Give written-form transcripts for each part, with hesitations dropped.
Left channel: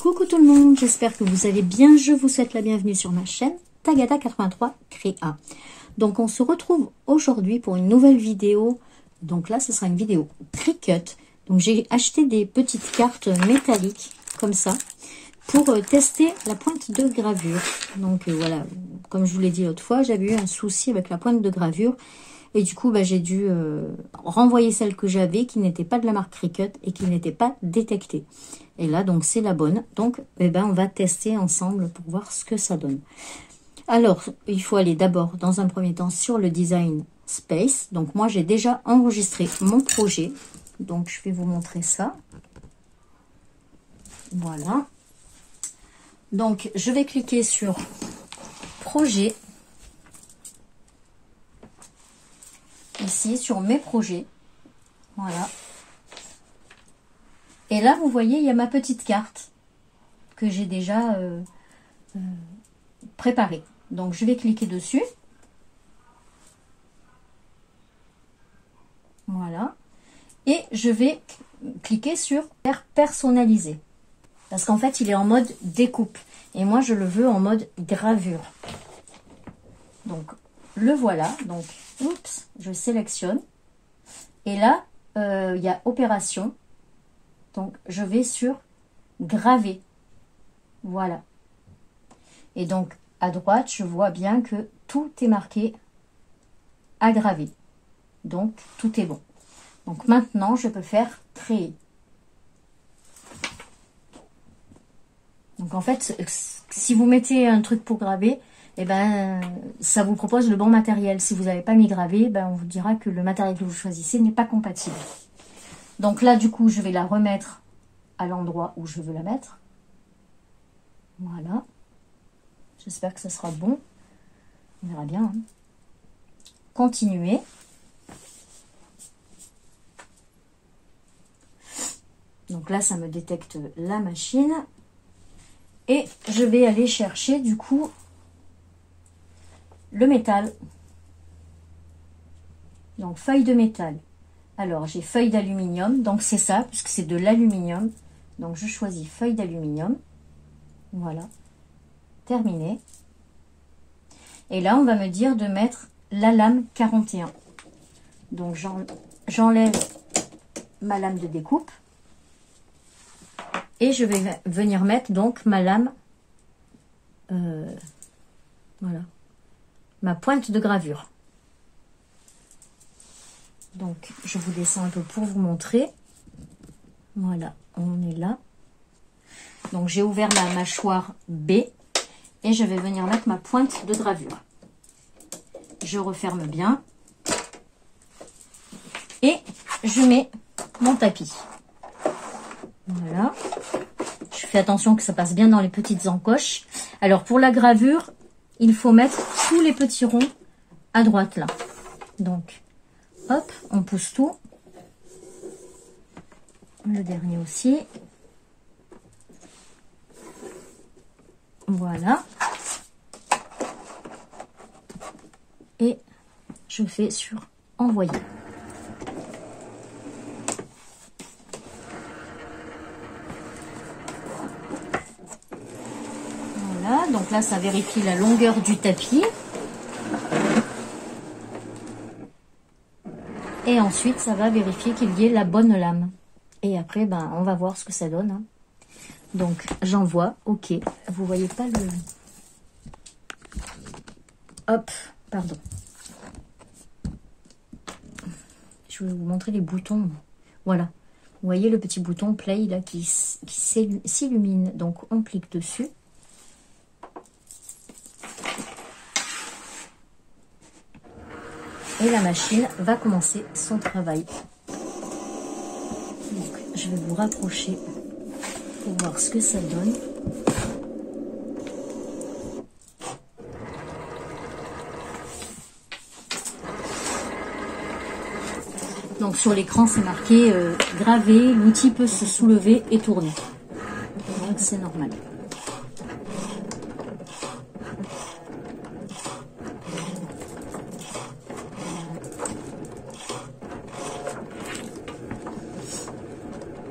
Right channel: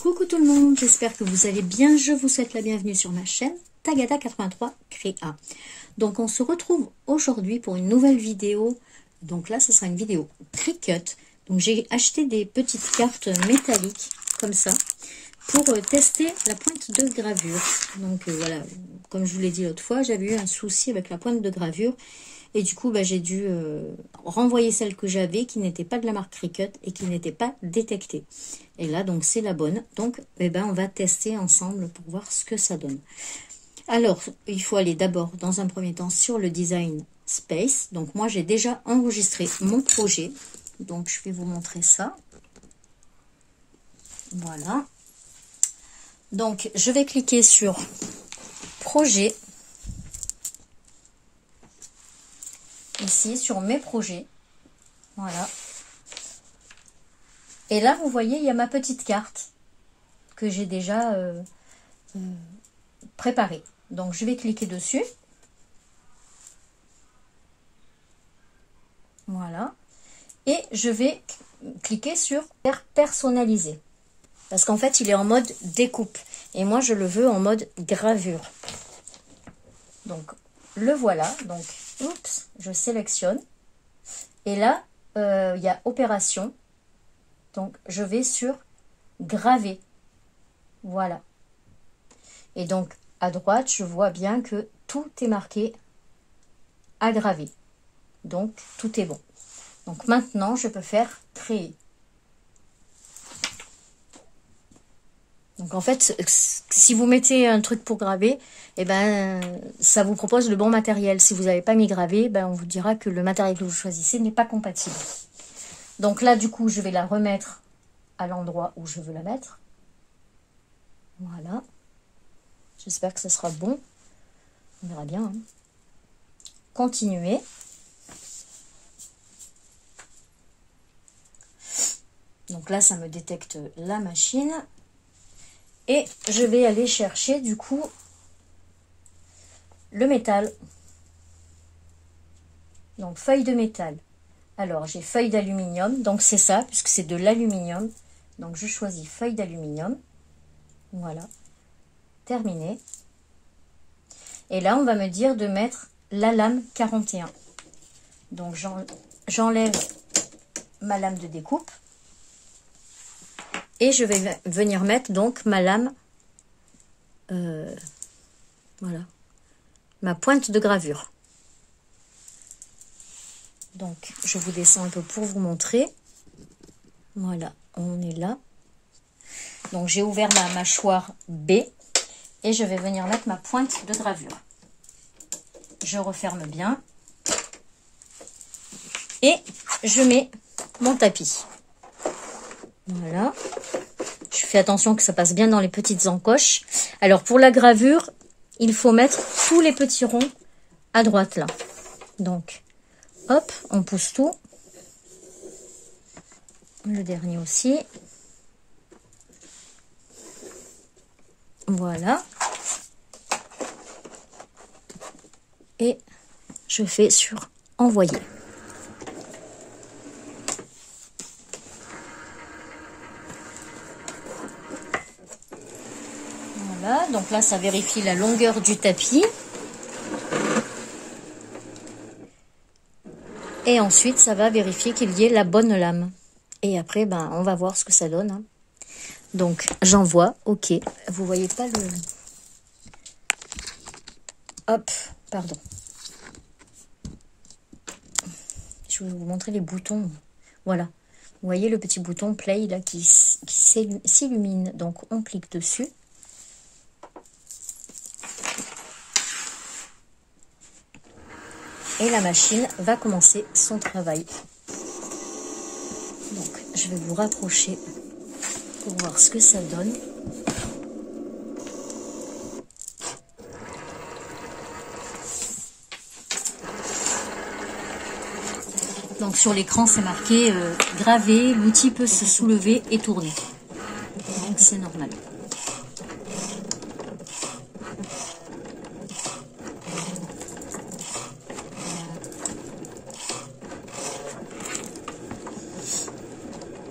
Coucou tout le monde, j'espère que vous allez bien. Je vous souhaite la bienvenue sur ma chaîne Tagada83 Créa. Donc on se retrouve aujourd'hui pour une nouvelle vidéo. Donc là ce sera une vidéo Cricut. Donc j'ai acheté des petites cartes métalliques comme ça pour tester la pointe de gravure. Donc voilà, comme je vous l'ai dit l'autre fois, j'avais eu un souci avec la pointe de gravure. Et du coup, j'ai dû renvoyer celle que j'avais, qui n'était pas de la marque Cricut et qui n'était pas détectée. Et là, donc, c'est la bonne. Donc, on va tester ensemble pour voir ce que ça donne. Alors, il faut aller d'abord, dans un premier temps, sur le Design Space. Donc, moi, j'ai déjà enregistré mon projet. Donc, je vais vous montrer ça. Voilà. Donc, je vais cliquer sur Projet. Ici sur mes projets, voilà. Et là vous voyez il y a ma petite carte que j'ai déjà préparée. Donc je vais cliquer dessus, voilà, et je vais cliquer sur faire personnaliser parce qu'en fait il est en mode découpe et moi je le veux en mode gravure. Donc le voilà, donc oups, je sélectionne et là il y a opération, donc je vais sur graver, voilà, et donc à droite je vois bien que tout est marqué à graver, donc tout est bon. Donc maintenant je peux faire créer. Donc en fait, si vous mettez un truc pour graver, ça vous propose le bon matériel. Si vous n'avez pas mis gravé, on vous dira que le matériel que vous choisissez n'est pas compatible. Donc là, du coup, je vais la remettre à l'endroit où je veux la mettre. Voilà. J'espère que ça sera bon. On verra bien. Hein. Continuer. Donc là, ça me détecte la machine. Et je vais aller chercher, du coup, le métal. Donc feuille de métal. Alors j'ai feuille d'aluminium, donc c'est ça puisque c'est de l'aluminium. Donc je choisis feuille d'aluminium. Voilà. Terminé. Et là on va me dire de mettre la lame 41. Donc j'enlève ma lame de découpe. Et je vais venir mettre donc ma lame. Voilà. Ma pointe de gravure. Donc, je vous descends un peu pour vous montrer. Voilà, on est là. Donc, j'ai ouvert ma mâchoire B et je vais venir mettre ma pointe de gravure. Je referme bien et je mets mon tapis. Voilà. Je fais attention que ça passe bien dans les petites encoches. Alors, pour la gravure, il faut mettre tous les petits ronds à droite là. Donc, hop, on pousse tout. Le dernier aussi. Voilà. Et je fais sur envoyer. Donc là, ça vérifie la longueur du tapis. Et ensuite, ça va vérifier qu'il y ait la bonne lame. Et après, on va voir ce que ça donne. Hein. Donc, j'envoie. OK. Vous voyez pas le... Hop, pardon. Je vais vous montrer les boutons. Voilà. Vous voyez le petit bouton play là qui s'illumine. Donc, on clique dessus. Et la machine va commencer son travail. Donc, je vais vous rapprocher pour voir ce que ça donne. Donc, sur l'écran, c'est marqué gravé, l'outil peut se soulever et tourner. Donc, c'est normal.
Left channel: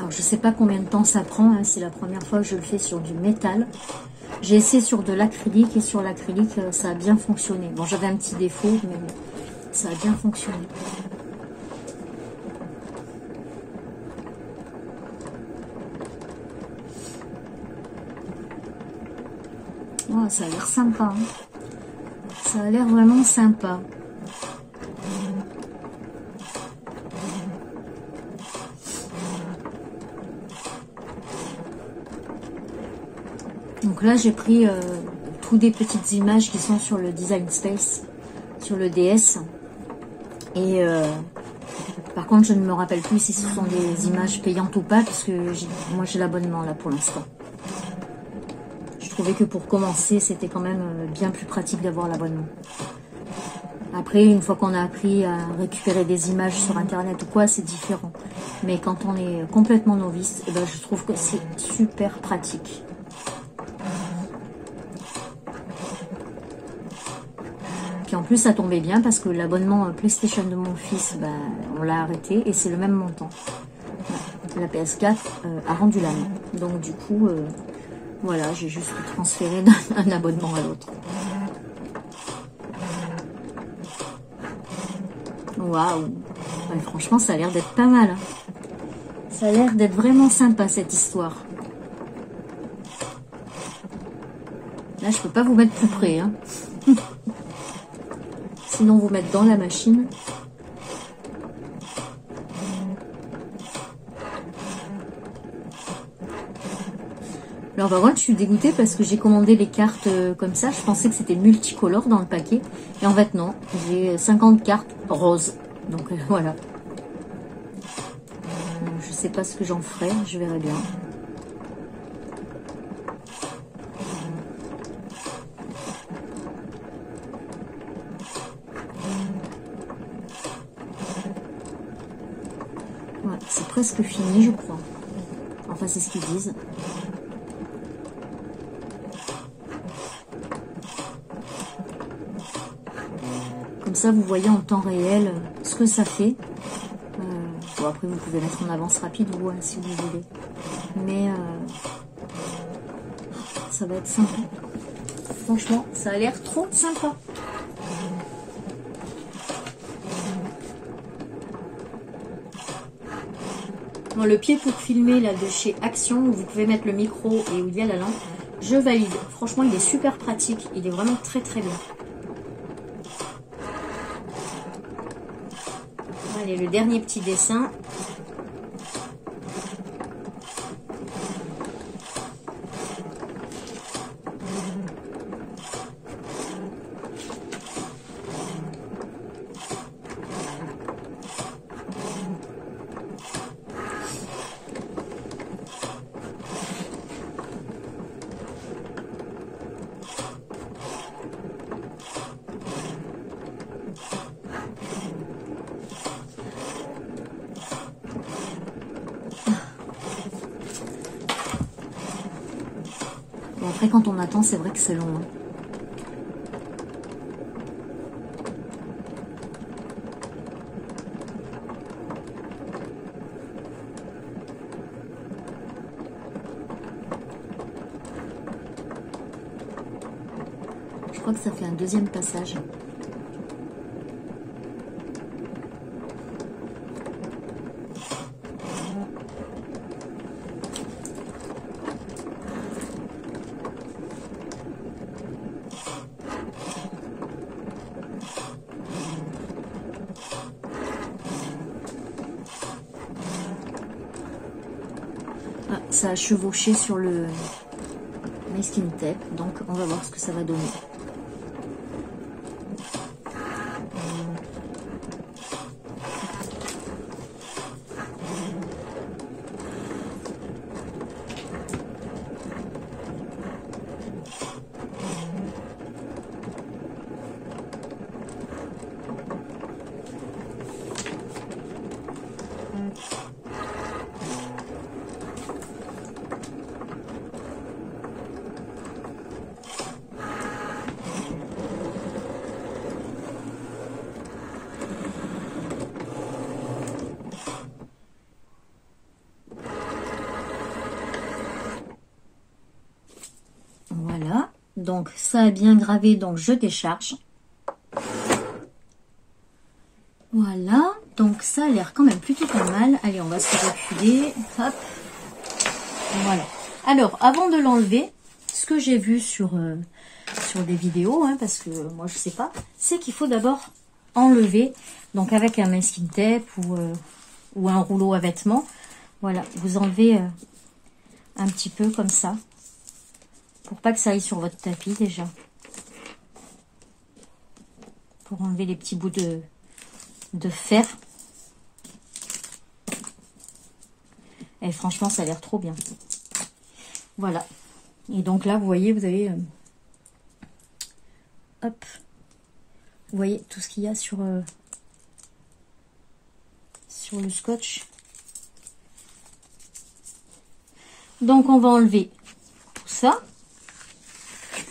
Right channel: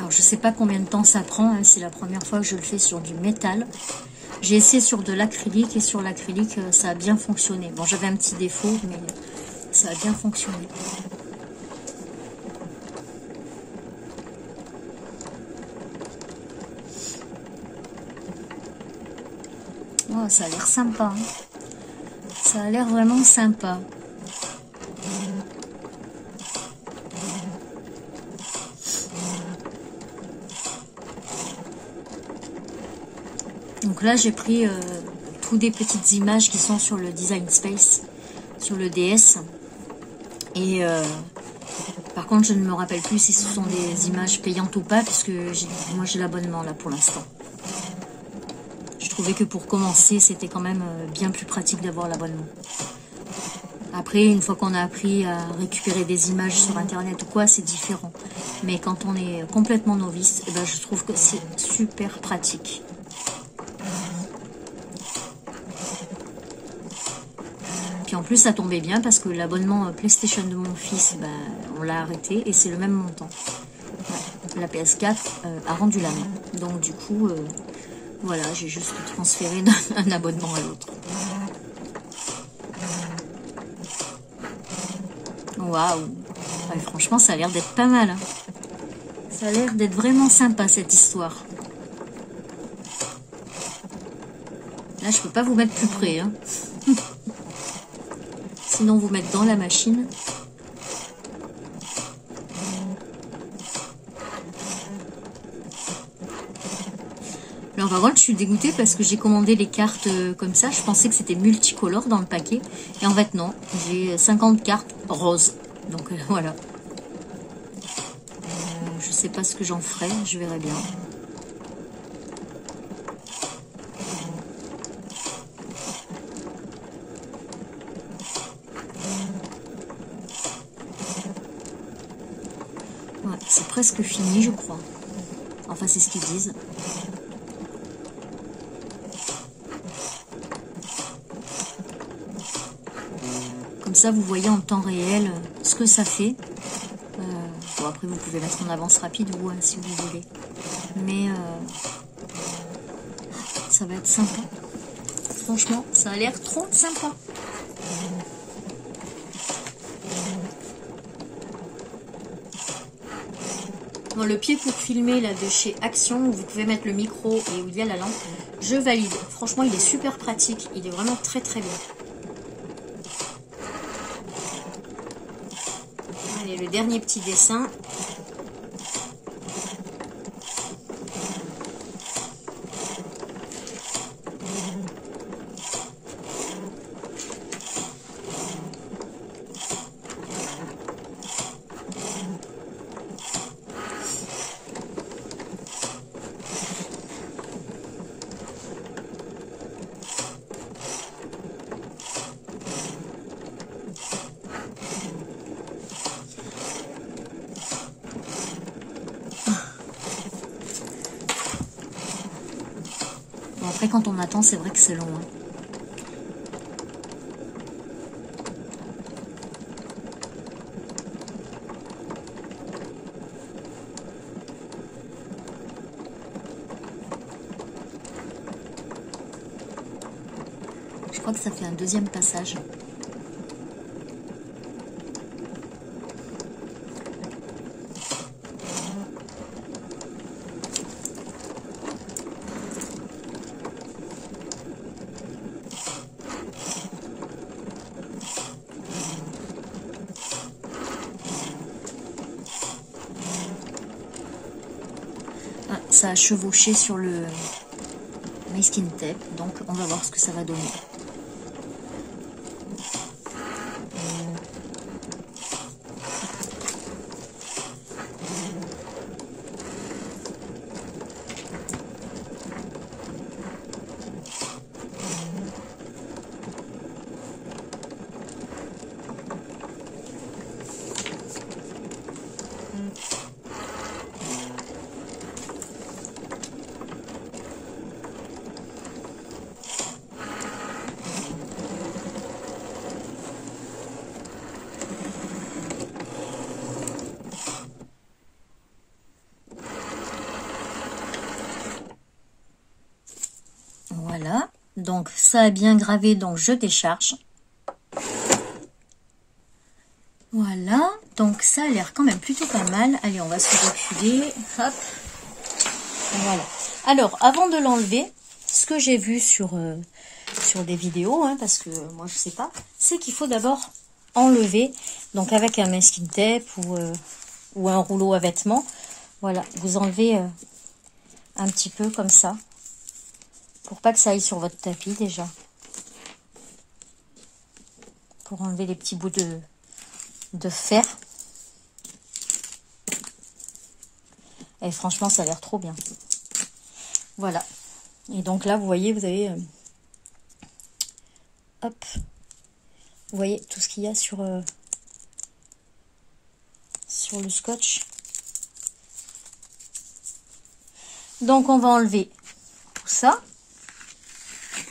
Alors je sais pas combien de temps ça prend, hein, c'est la première fois que je le fais sur du métal. J'ai essayé sur de l'acrylique et sur l'acrylique ça a bien fonctionné. Bon, j'avais un petit défaut mais ça a bien fonctionné. Oh, ça a l'air sympa, hein. Ça a l'air vraiment sympa. Donc là j'ai pris toutes des petites images qui sont sur le Design Space, sur le DS. Et par contre je ne me rappelle plus si ce sont des images payantes ou pas, parce que moi j'ai l'abonnement là pour l'instant. Je trouvais que pour commencer c'était quand même bien plus pratique d'avoir l'abonnement. Après, une fois qu'on a appris à récupérer des images sur internet ou quoi, c'est différent. Mais quand on est complètement novice, eh ben, je trouve que c'est super pratique. Puis en plus, ça tombait bien parce que l'abonnement PlayStation de mon fils, ben, on l'a arrêté et c'est le même montant. La PS4 a rendu la main. Donc du coup, voilà, j'ai juste transféré d'un abonnement à l'autre. Waouh! Ouais, franchement, ça a l'air d'être pas mal. Hein. Ça a l'air d'être vraiment sympa cette histoire. Là, je peux pas vous mettre plus près. Hein. Sinon, vous mettre dans la machine. Alors, par contre, je suis dégoûtée parce que j'ai commandé les cartes comme ça. Je pensais que c'était multicolore dans le paquet. Et en fait, non. J'ai 50 cartes roses. Donc, voilà. Je sais pas ce que j'en ferai. Je verrai bien. Ouais, c'est presque fini, je crois. Enfin, c'est ce qu'ils disent. Comme ça, vous voyez en temps réel ce que ça fait. Bon, après, vous pouvez mettre en avance rapide, vous, hein, si vous voulez. Mais ça va être sympa. Franchement, ça a l'air trop sympa. Bon, le pied pour filmer là de chez Action, où vous pouvez mettre le micro et où il y a la lampe, je valide. Franchement, il est super pratique. Il est vraiment très très bien. Allez, le dernier petit dessin. Après, quand on attend, c'est vrai que c'est long. Hein. Je crois que ça fait un deuxième passage. Ça a chevauché sur le masking tape, donc on va voir ce que ça va donner. donc ça a bien gravé, donc je décharge. Voilà, donc ça a l'air quand même plutôt pas mal. Allez, on va se reculer. Hop. Voilà. Alors, avant de l'enlever, ce que j'ai vu sur des vidéos, hein, parce que moi je sais pas, c'est qu'il faut d'abord enlever, donc avec un masking tape ou un rouleau à vêtements. Voilà, vous enlevez un petit peu comme ça, pour pas que ça aille sur votre tapis déjà. Pour enlever les petits bouts de fer. Et franchement, ça a l'air trop bien. Voilà. Et donc là, vous voyez, vous avez... hop. Vous voyez tout ce qu'il y a sur le scotch. Donc, on va enlever tout ça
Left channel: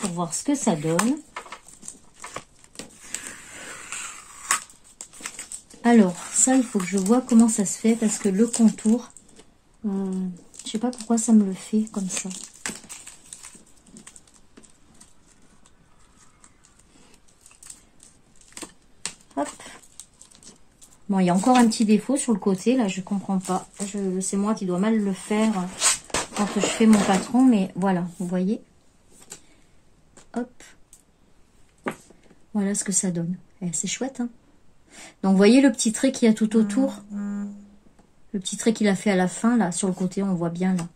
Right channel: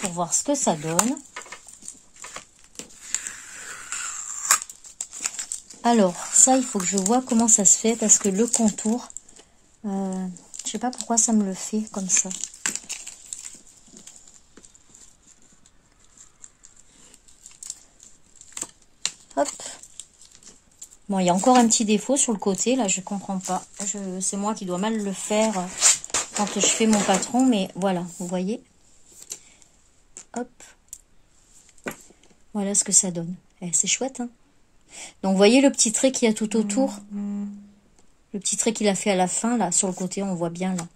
pour voir ce que ça donne. Alors, ça, il faut que je vois comment ça se fait parce que le contour, je sais pas pourquoi ça me le fait comme ça. Hop. Bon, il y a encore un petit défaut sur le côté, là, je comprends pas. C'est moi qui dois mal le faire quand je fais mon patron, mais voilà, vous voyez. Hop. Voilà ce que ça donne. C'est chouette, hein. Donc, vous voyez le petit trait qu'il y a tout autour? Le petit trait qu'il a fait à la fin, là, sur le côté, on voit bien, là.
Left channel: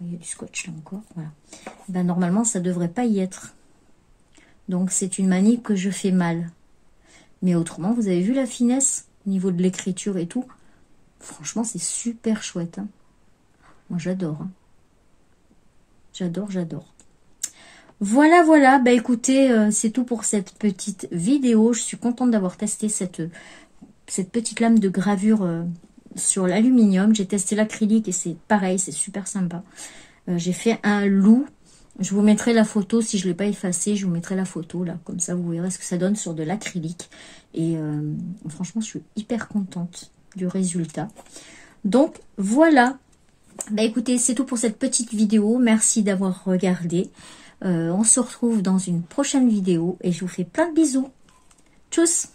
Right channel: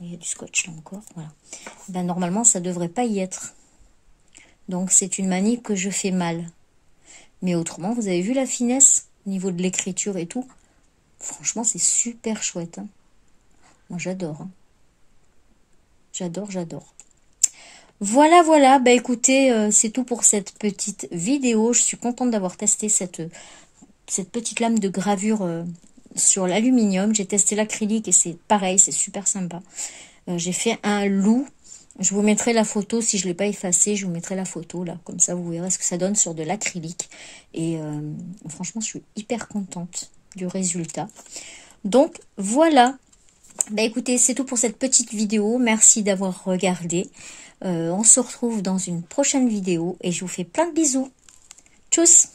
Il y a du scotch, là, encore, voilà. Ben, normalement, ça devrait pas y être. Donc, c'est une manip que je fais mal. Mais autrement, vous avez vu la finesse au niveau de l'écriture et tout? Franchement, c'est super chouette, hein. Moi, j'adore, hein. J'adore, j'adore. Voilà, voilà. Bah, écoutez, c'est tout pour cette petite vidéo. Je suis contente d'avoir testé cette petite lame de gravure sur l'aluminium. J'ai testé l'acrylique et c'est pareil, c'est super sympa. J'ai fait un loup. Je vous mettrai la photo, si je ne l'ai pas effacé, je vous mettrai la photo là. Comme ça, vous verrez ce que ça donne sur de l'acrylique. Et franchement, je suis hyper contente du résultat. Donc, voilà. Bah, écoutez, c'est tout pour cette petite vidéo. Merci d'avoir regardé. On se retrouve dans une prochaine vidéo et je vous fais plein de bisous. Tchuss!